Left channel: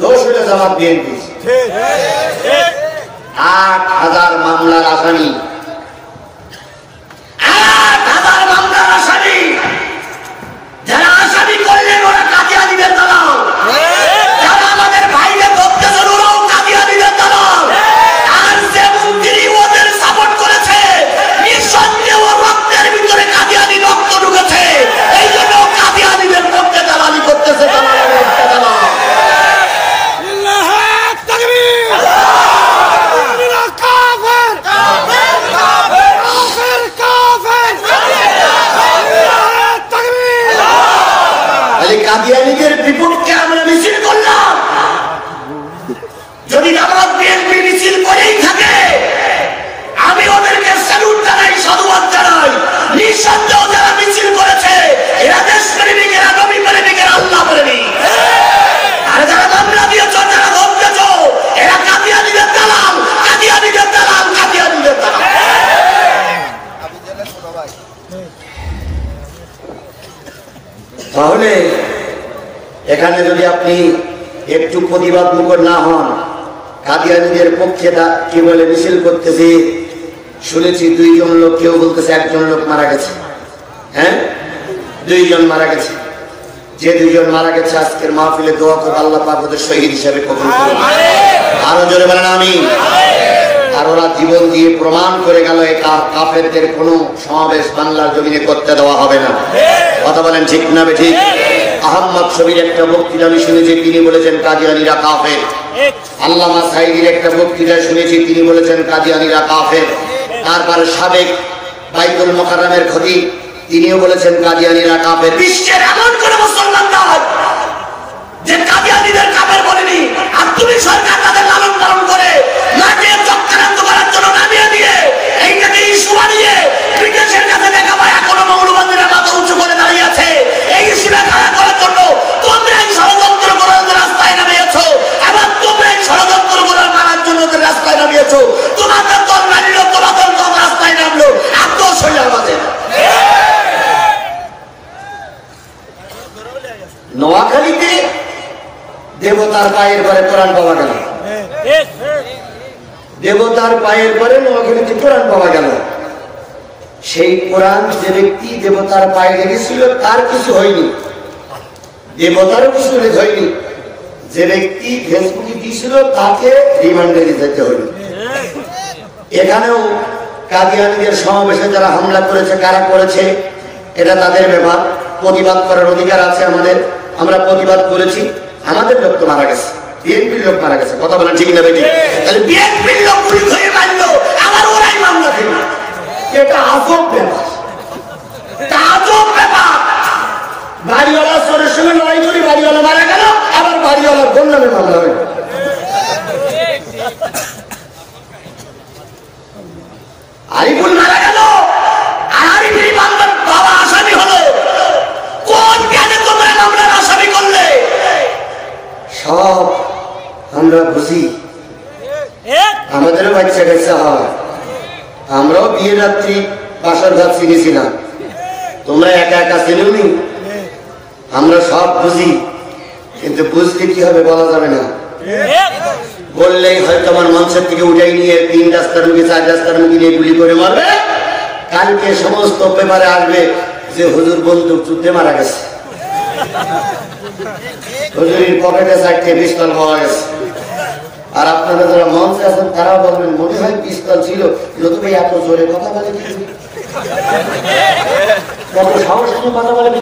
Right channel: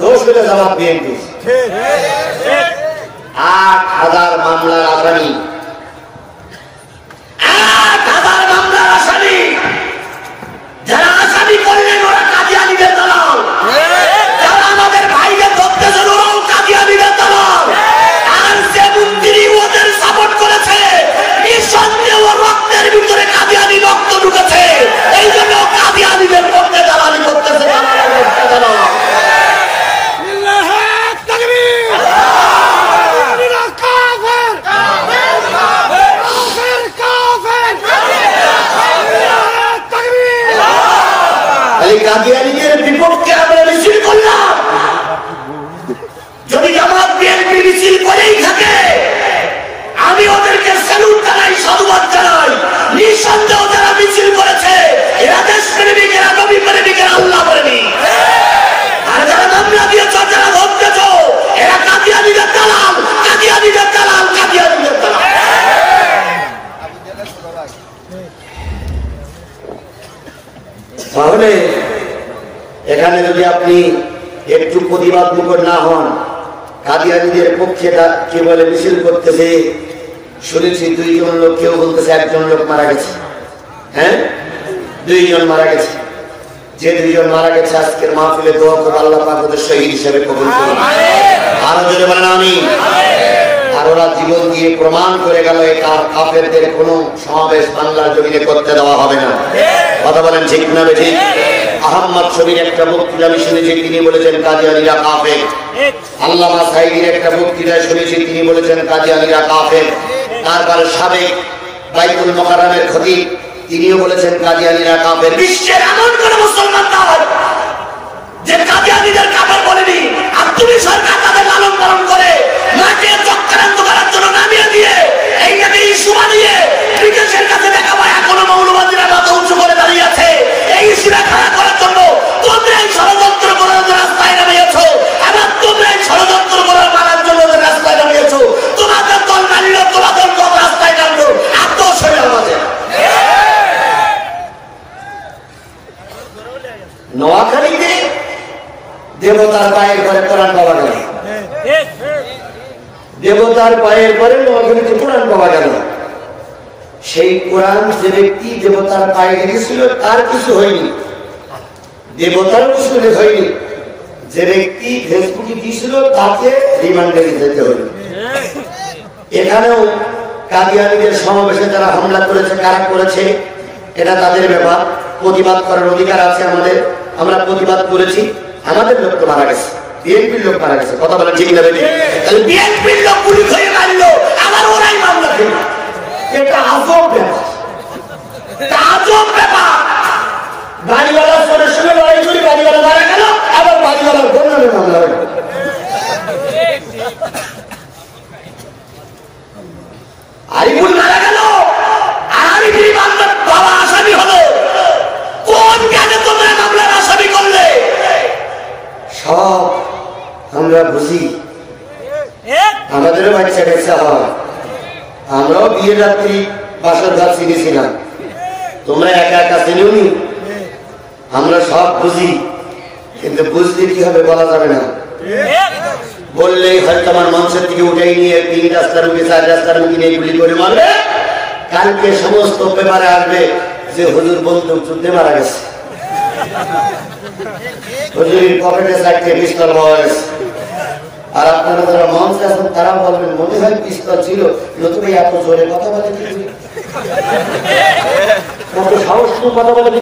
দোষ হলে জামাত বিএনপি। ৮,০০০ মামলার আসামি, ৮,০০০ মামলার আসামি, যারা আসামি করলেন ওরা কাদিয়ানীদের দলাল, যারা আমাদের ভাইকে ধরতেছে ওরাও কাদিয়ানীদের দলাল, আর যে মুক্তিরি ওদের সাপোর্ট করেছে নিঃসন্দেহে ওর রক্তের ভিতরে কাদিয়ানী রক্ত ঢুকেছে, এই জন্য কাদিয়ানীদের মধ্যে দালালি করতেছে। কাদিয়ানীদের বিপক্ষে আমরা মিছিল করলাম। যদি জামাত বিএনপি মিছিল করেই থাকে আমি ওদেরকে স্যালুট জানাই, সাধুবাদ জানাই। নিঃসন্দেহ যারা মিছিল করেছে এরা দেশ প্রেমিক, এরা নবী প্রেমিক, এরা আল্লাহ প্রেমিক। আর যারা মামলা দিয়েছ, যারা ধরতেছ এরা কাদিয়ানীদের দালাল, কাদিয়ানীদের দালাল, কাদিয়ানীদের দালাল। তাহলে এখানে যদি আপনি একটু প্রতিবাদ না হন, কাদিয়ানীদের পক্ষে কি বলে মিছিল করতেছে, শুনেছি 2 জন লোক, কেউ বলতেছে 1 জন লোক মারা গেছে। হ্যাঁ, 2 জন মারা গেছে। যে 2 জন মারা গেছে আজকের মাহফিলে দোয়া করে আল্লাহ পাক ওদের শহীদ হিসেবে কবুল করুন। আরো জোরে বলেন আমিন। আর ওরা জীবন দিয়ে প্রমাণ করে গেল এই কাফেরদের কোনো সমাবেশ বাংলার জমিনে করতে দেওয়া হবে না। কথা বলেন ঠিক না বেঠিক? আহমদ শবীর একটা বক্তৃতা আমি শুনেছি, তিনি বলেছেন কাদিয়ানীরা কাফের। আল্লামা সাঈদীর একটা বক্তৃতায় শুনেছি, তিনি বলেছেন কাদিয়ানীরা কাফের। তারপরে সাবেক বাইতুল মুকাররমের খতিব তিনিও বলেছেন কাদিয়ানীরা কাফের। বিশ্বের এমন কোন মুসলমান নাই যে কাদিয়ানীদের কাফের বলেনি। আর তুমি সরকার তাদের লালন পালন করে মাকে চক্রান্ত করার জন্য নামিয়ে দিয়ে এই নামে ইস্যু বানিয়ে ব্রিটিশের কাছে দেখা পায় এখনো মৌলবাদীরা মাথা উঁচু করে দাঁড়িয়ে আছে। এই ইস্যুটা খারাপ করার জন্য তোমরাই ষড়যন্ত্র করার রাস্তায় নামিয়েছো, আবার তোমরাই ষড়যন্ত্র করার মানার জন্য রাস্তায় নামিয়েছো। তোমাদের দল মানল, তোমাদের দল রাস্তায় নামলো, আত্মস হয়ে আমাদের। নোয়াখালীতে দেবতার পায়ের ঘরে কোরআন পাওয়া গেল, দেবতার পায়ের ঘরে নোয়াখালীতে কোরআন পাওয়া গেল। সেই কোরআন যে ব্যক্তি দেবতার পায়ে লেগেছিল তার কিছু হয়নি, দেবতার কিছু হয়নি। যে ব্যক্তি ফেসবুকে দিয়েছিল তাকে রিমান্ডে যেতে হয়নি। এখানেও কাদিয়ানীদের সমাবেশে যারা হামলা করেছে, কারা করেছে এটা তাদের ব্যাপার, প্রতিবাদ করার অধিকার আছে আমাদের। আমরা প্রতিবাদ করেছি, আমাদের লোক তো মারা গেছে, বিএনপির লোক মারা গেছে। কথা বলেন ঠিক না বেঠিক? বিএনপির লোক পুলিশ হয়ে মারলো, আবার ওরাই মামলা দিল। এটা আজব ব্যাপার, আজব ব্যাপার। বাড়িওয়ালা চোরের সঙ্গে লড়াই করে বাড়িওয়ালা মারা গেল, আবার বাড়িওয়ালার গন্ডামে মামলা হয়ে গেল। আরিফুল মারা গেল, আরিফুল মামলার বাবা আসামি হলো। কোন কাজে তোমরা মামলার আসামি করলে? সব আমরা বুঝি, আমাদেরও বাচ্চা কাচ্চা হয়। আমরাও বিয়ে রাত্রি বাসার ঘর চিনেছি না, তোমরা একা একা চিনুনি। আমরা সব বুঝি, কিন্তু বুঝলে কি হবে বলা যাবে না। বললেই হয়তো আমার মঞ্চের থেকে উঠাই নিয়ে 3 রাস্তার রুগী 4 রাস্তার রুগী নিয়ে গুলি করে মারবে। কালকে সমস্ত পেপারে আসবে যে হুজুর বন্দুক যুদ্ধে মারা গেছে, হুজুরের পকেটে 4টে পিস্তল পাওয়া গেছে। আর আপনারা যারা মঞ্চে আছেন তারা বলবেন মনে হয় পিস্তল ছিল, নতুবা এত জোরে কথা বলে, এত সাহস কথা বলে।